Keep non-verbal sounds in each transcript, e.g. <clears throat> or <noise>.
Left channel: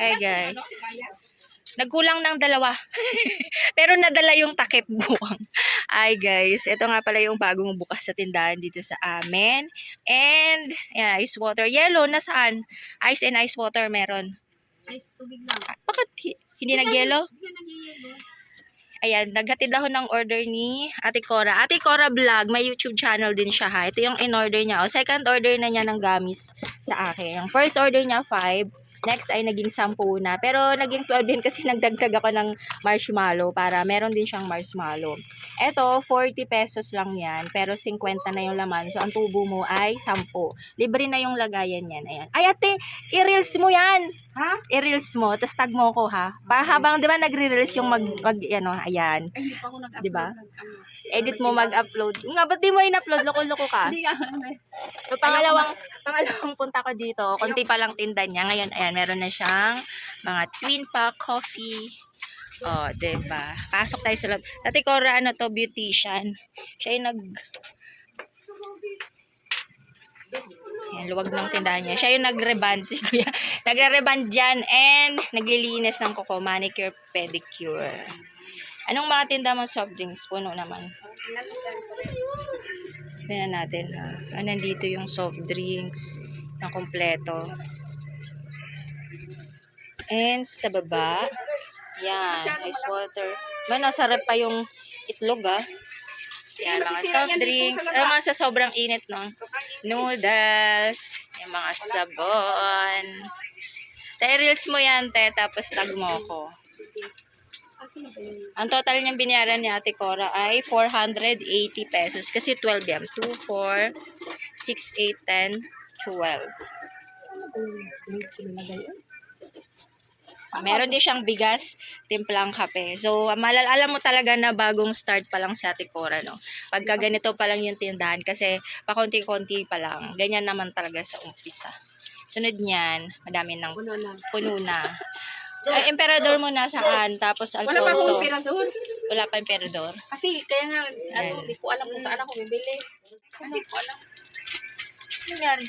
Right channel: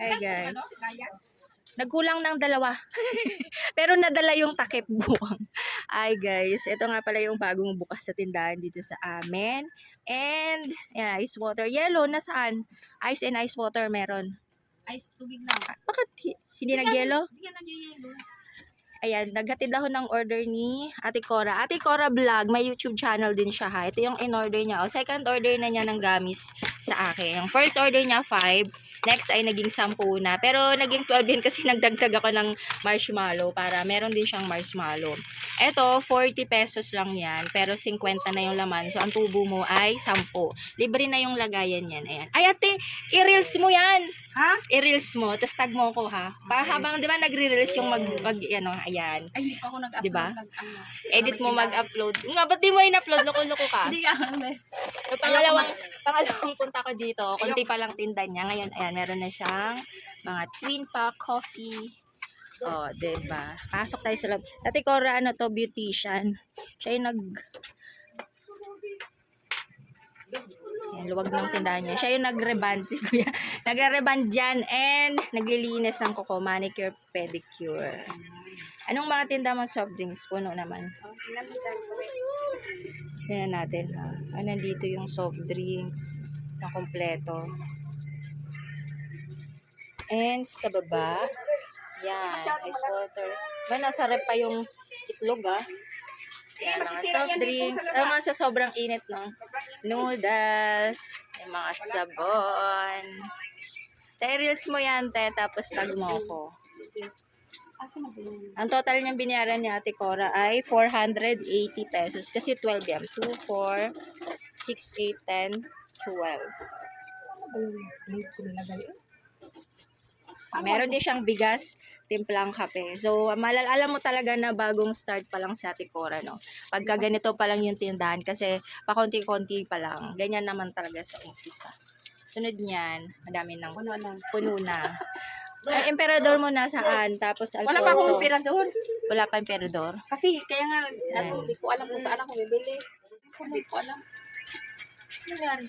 Hi guys. Nagkulang ng dalawa. <laughs> Pero nadala yung takip buwang. Ay guys, ito nga pala yung bagong bukas sa tindahan dito sa amin. And, yeah, ice water. Yellow, nasaan? Ice and ice water meron. Ice tubig lang. Ah, Bakit hi- hindi nag-yellow? Hindi yan nag-yellow. Ayan, naghatid ako ng order ni Ate Cora. Ate Cora Vlog, may YouTube channel din siya ha. Ito yung in-order niya. O, second order na niya ng gamis sa akin. Yung first order niya, 5. Next ay naging 10 na. Pero naging 12 din kasi <laughs> nagdagdag ako ng marshmallow para meron din siyang marshmallow. Ito, 40 pesos lang yan. Pero 50 na yung laman. So, ang tubo mo ay 10. Libre na yung lagayan yan. Ayan. Ay, ate, i-reels mo yan. Ha? I-reels mo. Tapos tag mo ko ha. Para habang, di ba, nagre-reels yung mag, mag ano, ayan. Ay, hindi pa ako nag-upload. Diba? Nag, ano. Edit mo mag-upload. Nga, ba't di mo in-upload? Loko-loko ka. Hindi nga. ano. So, pangalawang, pangalawang punta ko dito, konti pa lang tinda niya. Ngayon, ayan, meron na siyang mga twin pack coffee. Oh, 'di ba? Pasok tayo sa loob. Dati Cora, ano to, beautician. Siya yung nag... Ayan, luwag ng tindahan niya. Siya yung nagreband, si Kuya. Nagre-reband dyan and naglilinis ng kuko, manicure, pedicure. Anong mga tinda mo soft drinks? Puno naman. Tingnan natin ha. Ah, nandito yung soft drinks na kompleto. And sa baba, yan, ice water. Man, nasa rep pa yung itlog ah. Yan, mga soft drinks. Ah, mga sa sobrang init, no? Noodles. Yung mga sabon. Tay, reels mo yan, te. Tapos tag mo ko. Asa na ba yun? Ang total niyang binayaran ni Ate Cora ay 480 pesos. Kasi 12 yan. 2, 4, 6, 8, 10, 12. Ano ba yung link ko nilagay? Eh? Meron din siyang bigas, timplang kape. So, malal alam mo talaga na bagong start pa lang si Ate Cora, no? Pagka ganito pa lang yung tindahan, kasi pakonti-konti pa lang. Ganyan naman talaga sa umpisa. Sunod niyan, madami ng Puno na. puno na. <laughs> Ay, emperador mo na saan? Tapos Wala pa akong Alfonso. doon. Wala pa emperador. Kasi kaya nga, ano, hindi ko alam kung saan ako bibili. Hindi ko alam. Ano nangyari?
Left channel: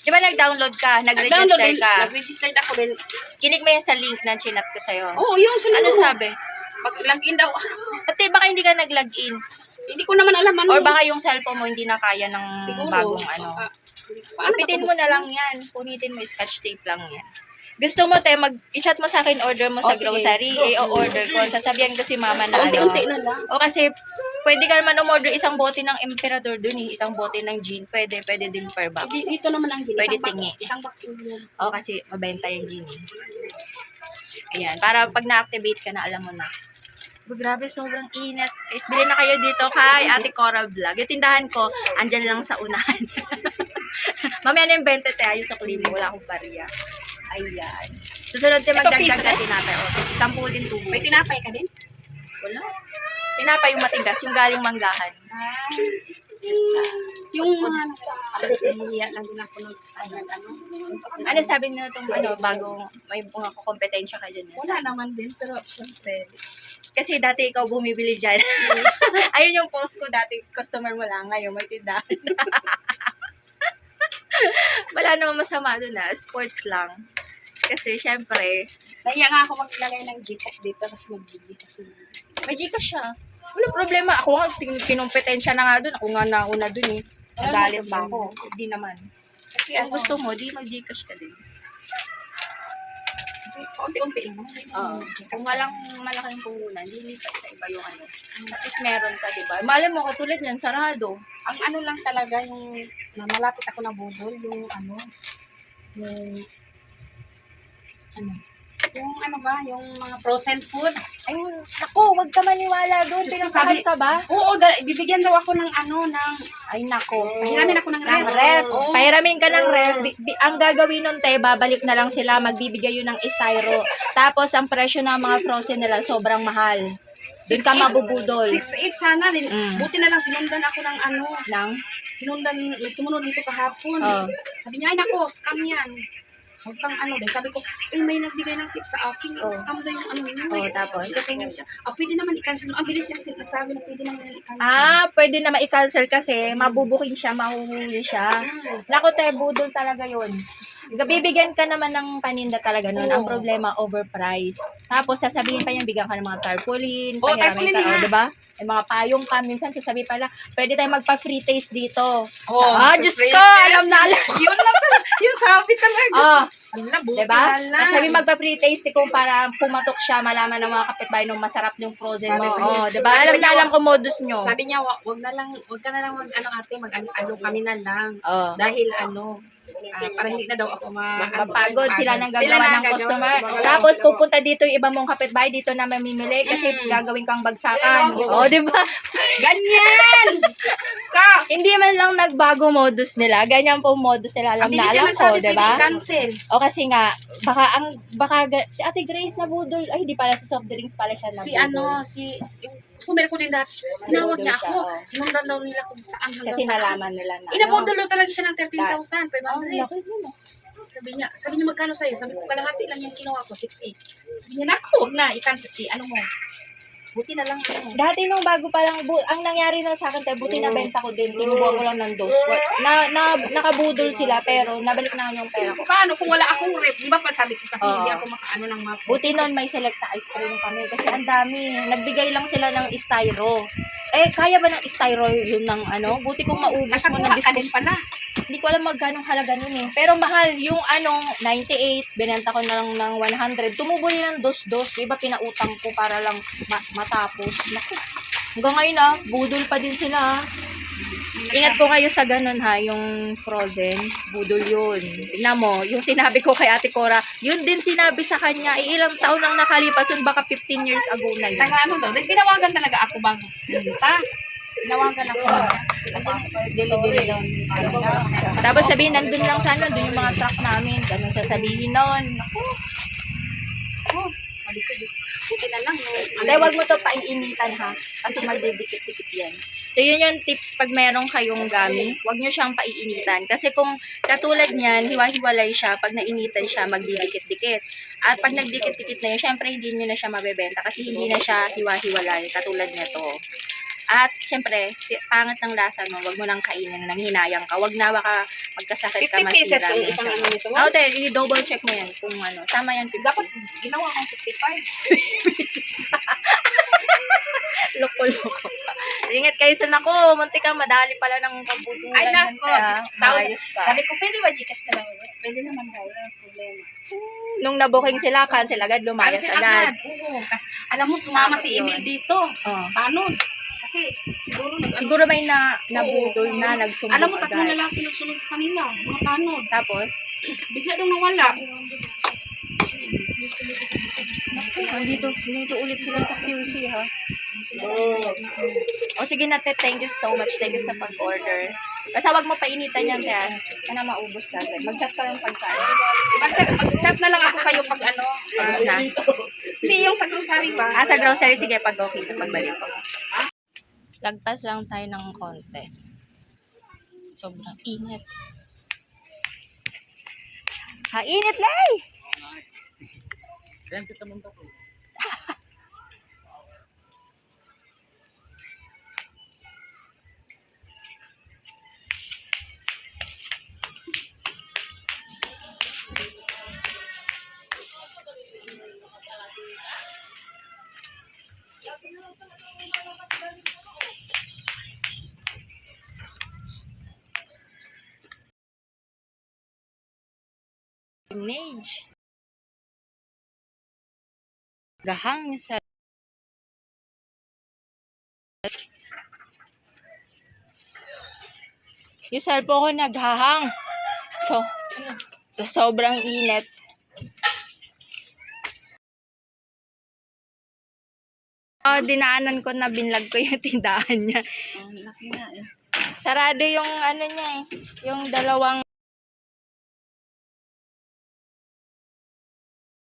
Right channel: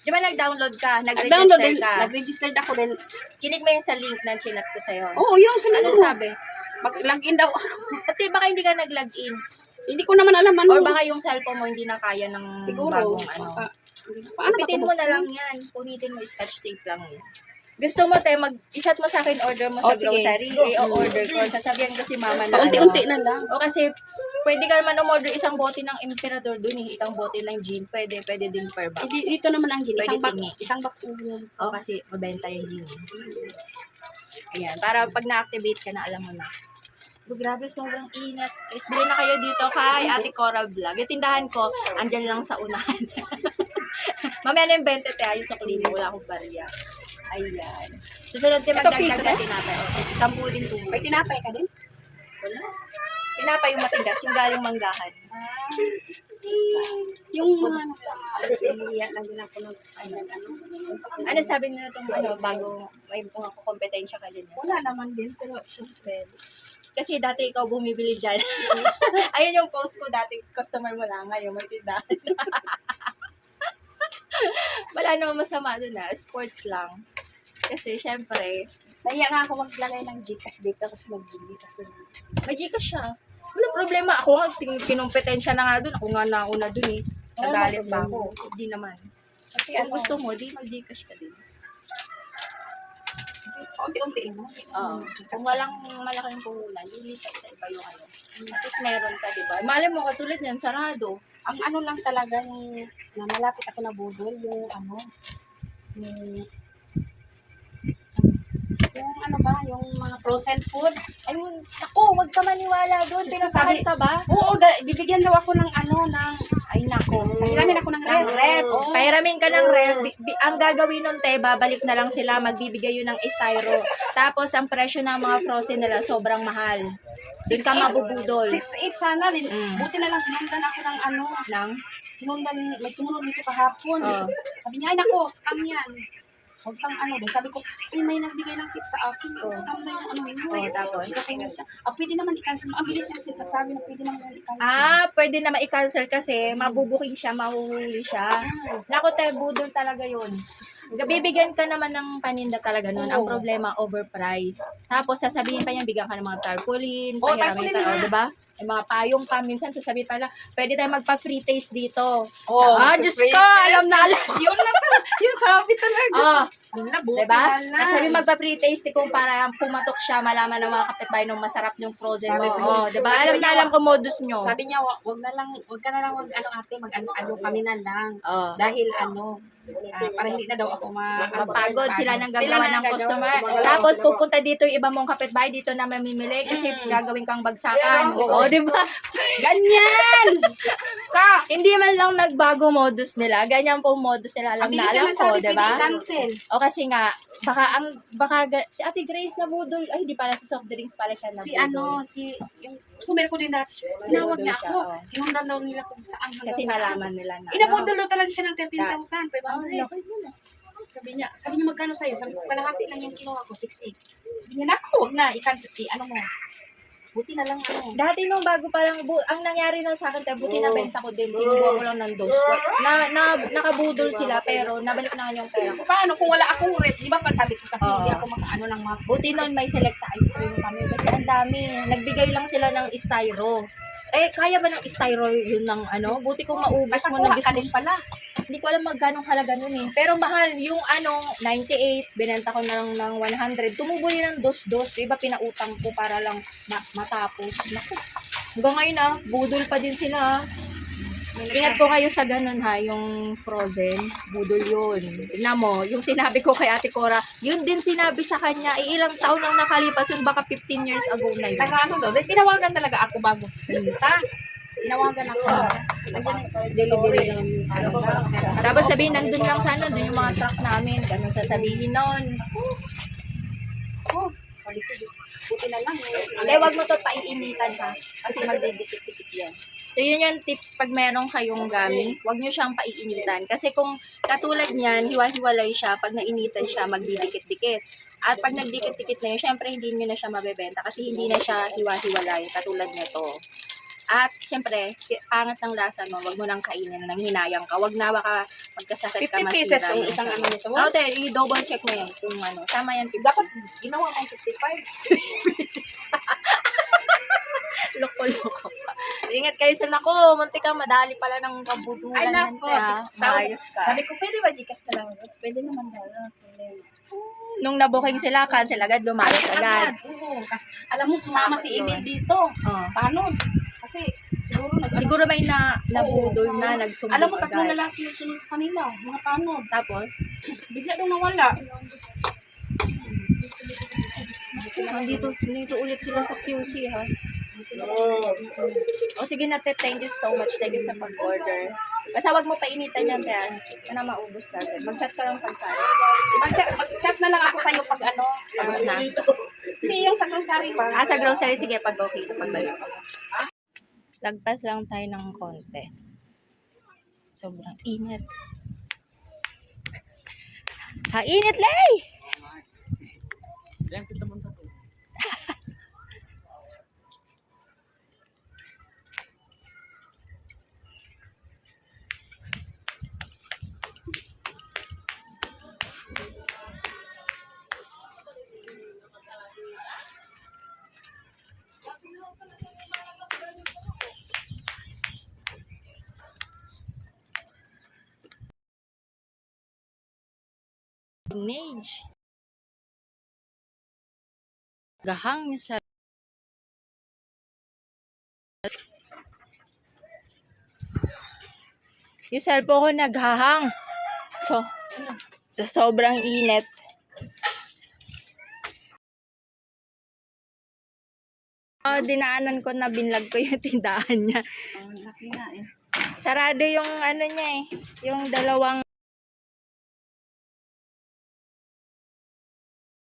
Di ba nag-download ka? Nag-download Nag-register din, ka? nag-registered ako din. Kinig mo yun sa link na chinat ko sa'yo. Oo, yung sila. Ano sabi? Mag-login daw. <laughs> Ate, baka hindi ka nag-login. hindi ko naman alam ano. Or baka yung cellphone mo hindi na kaya ng Siguro. bagong ano. Baka- Ipitin mo na lang yan. Punitin mo, scotch tape lang yan. Gusto mo, te, mag, i-chat mo sa akin, order mo sa Oh, sige. grocery, eh, o order ko. Sasabihan ko si mama na ano. Unti-unti na lang. O kasi, pwede ka naman umorder isang bote ng Emperador dun eh. Isang bote ng gin. Pwede, pwede din per box. Hindi, dito naman ang gin. Pwede Isang box, tingi. isang box yung yun. O kasi, mabenta yung gin eh. Ayan, para pag na-activate ka na, alam mo na. Oh, grabe, sobrang init. Guys, bilhin na kayo dito kay Ate Cora Vlog. Yung tindahan ko, andyan lang sa unahan. <laughs> Mamaya na yung 20 te, ayos sa klimo. Wala akong bariya. Ayan. Susunod tayo Ito, magdagdag na na? tinapay. O, sampu din tubo. May tinapay ka din? Wala. Tinapay yung matigas, yung galing manggahan. Ah. Yung mga nahihiya lang din ako nag, nag ano. Ano sabi nyo itong ano, bagong may mga kompetensya ka dyan? eh? Wala naman din, pero syempre. Kasi dati ikaw bumibili dyan. <laughs> Ayun yung post ko dati, customer mo lang, ngayon may tindahan. <laughs> <laughs> Wala namang masama doon na, sports lang. Kasi syempre, Nahiya nga ako maglagay ng Gcash dito kasi mag-Gcash na. may Gcash siya. Wala problema. Ako nga, tin- kinumpetensya na nga doon. Ako nga nauna doon eh. Wala Nagalit pa ako. Hindi naman. Kasi Kung ano, gusto mo, di mag-Gcash ka din. Unti-unti lang. Oo. Gcash Kung walang malaking puhunan, di lipat sa iba yung ano. At least meron ka, di ba? Malay mo, katulad yan, sarado. Ang ano lang talaga yung na malapit ako na budol, yung ano, yung yung ano ba, yung mga frozen food. Ay, nako, wag ka maniwala doon. Diyos ko, Pinasakal sabi- ka ba? Oo, da- bibigyan daw ako ng ano, ng, Ay, nako. pahiramin ako ng ref. Ref. Oo. Pahiramin ka ng ref. Bi- bi- ang gagawin nun, te, babalik na lang sila, magbibigay yun ng istyro. Tapos, ang presyo ng mga frozen nila, sobrang mahal. Doon ka 6'8". mabubudol. 6'8 sana din. Mm. Buti na lang sinundan ako ng ano, Nang? sinundan, may sumunod dito kahapon. Oo. Sabi niya, ay nako, scam yan. Huwag kang ano din. Sabi ko, ay may nagbigay ng tips sa akin. Oo. Scam daw yung ano yun. Oo, tapos? Sabi niya siya, ah, pwede naman i-cancel. Ang bilis niya sin- nagsabi na pwede naman i-cancel. Ah, pwede na ma-cancel kasi mabubuking siya, mahuhuli siya. Ah. Nako, budol talaga yun. Bibigyan ka naman ng paninda talaga nun. Ang problema, overpriced. Tapos, sasabihin pa niya, bigyan ka ng mga tarpaulin, Oo, pahiramin ka, tarpaulin o, nga. diba? May mga payong ka, minsan sasabihin pala, pwede tayo magpa-free taste dito. Oh, ah, Diyos ko, alam na alam. <laughs> Yun na talaga. Yung sabi talaga. Ah, Ala, buti diba? na lang. Sabi magpa-free taste kung para pumatok siya, malaman ng mga kapitbahay nung masarap yung frozen Sabi mo. ko niya, Oh, diba? sabi Alam na niya, alam ko modus nyo. Sabi niya, wa- wag na lang, wag ka na lang mag ano ate, mag ano, ano kami na lang. Oh. Dahil ano, ah, para hindi na daw ako ma ano, Mapagod sila nang Sila gagawa na ng gagawa. customer. Oo. Tapos pupunta dito yung iba mong kapitbahay dito na mamimili kasi Mm. gagawin kang bagsakan. Oo. Oh, di ba? Ganyan! ka! Hindi man lang nagbago modus nila. Ganyan po modus nila. Alam Ang na bilis alam ko, nagsabi, di pwede ba? i-cancel. O kasi nga, baka ang, baka, ga- si Ate Grace na budol, ay hindi pala sa soft drinks pala siya na Si ano, si, yung customer ko din dati, tinawag niya siya, ako. oo. Sinundan daw nila kung saan hanggang Kasi saan. nalaman nila na. Inabodolo talaga siya ng Oh, 13,500. laki din ah. Sabi niya, sabi niya magkano sa'yo? Sabi ko, kalahati lang yung kinuha ko, 60. Sabi niya, naku, wag na, i-cancel, i- ano mo. Buti na lang ano. Dati nung bago pa lang, bu- ang nangyari na sa akin, tayo, buti na benta ko din, tinubuhan ko lang ng dose. Wa- Na, na, nakabudol sila, pero nabalik na yung pera ko. Paano kung wala akong rep? Di ba pa sabi ko kasi Oo. hindi ako makaano ng map. Buti noon may select na ice cream kami kasi ang dami. Nagbigay lang sila ng styro. Eh, kaya ba ng styro yun ng ano? Buti kung maubos mo ng Nakakuha ka din disposable. pala. Hindi ko alam magkano halaga nun eh. Pero mahal, yung ano, 98, binenta ko na lang ng 100. Tumubo din ng dos-dos. Yung iba pinautang ko para lang ma- matapos. Naku. Hanggang ngayon ah, budol pa din sila ah. Ingat po kayo sa ganun ha, yung frozen, budol yun. Tignan mo, yung sinabi ko kay Ate Cora, yun din sinabi sa kanya, eh, ilang taon nang nakalipas yun, baka 15 years ago na yun. Taga ano to? Tinawagan talaga ako bago punta. Tinawagan ako. Andiyan, delivery ni- Tapos sabihin, nandun lang sa ano, dun yung mga truck namin, ganun sasabihin nun. Oh, sabi ko, Diyos, buti na lang. Hindi, wag mo to paiinitan ha. Kasi magdidikit-dikit yan. So, yun yung tips pag meron kayong gami, wag nyo siyang paiinitan. Kasi kung katulad niyan, hiwa-hiwalay siya, pag nainitan siya, magdidikit-dikit. At pag nagdikit-dikit na yun, syempre hindi nyo na siya mabebenta kasi hindi na siya hiwa-hiwalay, katulad nito. At syempre, si, pangit ng lasa mo, wag mo nang kainin nang hinayang ka. Wag na baka magkasakit ka 50 pieces masira yung yung isang ano nito. Oh, te, i-double check mo yan kung ano. Tama yan, 50. Dapat ginawa kong 55. <laughs> Loko-loko. Ingat kayo sa nako. Munti ka, madali pala ng kabutulan. Ay, nako, te, ha? 6,000. Maayos ka. Sabi ko, pwede ba Gcash na lang? Pwede naman daw. Wala problema. Nung nabuking sila, cancel agad, lumayas Kasi agad. Oo. Kasi, alam mo, sumama si. Emil dito. Oh. Paano? Kasi, siguro nag Siguro may na, nabudol Oo. na, nagsumbong Alam mo, tatlo agad. na lang sinusunod sa kanila. Mga tanod. Tapos, <clears throat> Bigla daw nawala. andito, dito ulit sila sa QC, ha? O sige na, te, thank you so much. Thank you sa pag-order. Basta wag mo painitan yan, te. ha? Sana maubos ka agad. Mag-chat ka lang pagkaan. Mag-chat, mag-chat na lang ako sa'yo pag ano. Ubos na. Hindi yung sa grocery ba? Ah, sa grocery, sige, pag okay na, pagbalik ko. Lagpas lang tayo ng konti. Sobrang init. Ha, init, Lay! <laughs> Image. Gahang sa Yung cellphone ko naghahang. So, sa sobrang init. Oh, dinaanan ko na binlag ko yung <laughs> tindahan niya. Oh, laki na eh. Sarado yung ano niya eh. Yung dalawang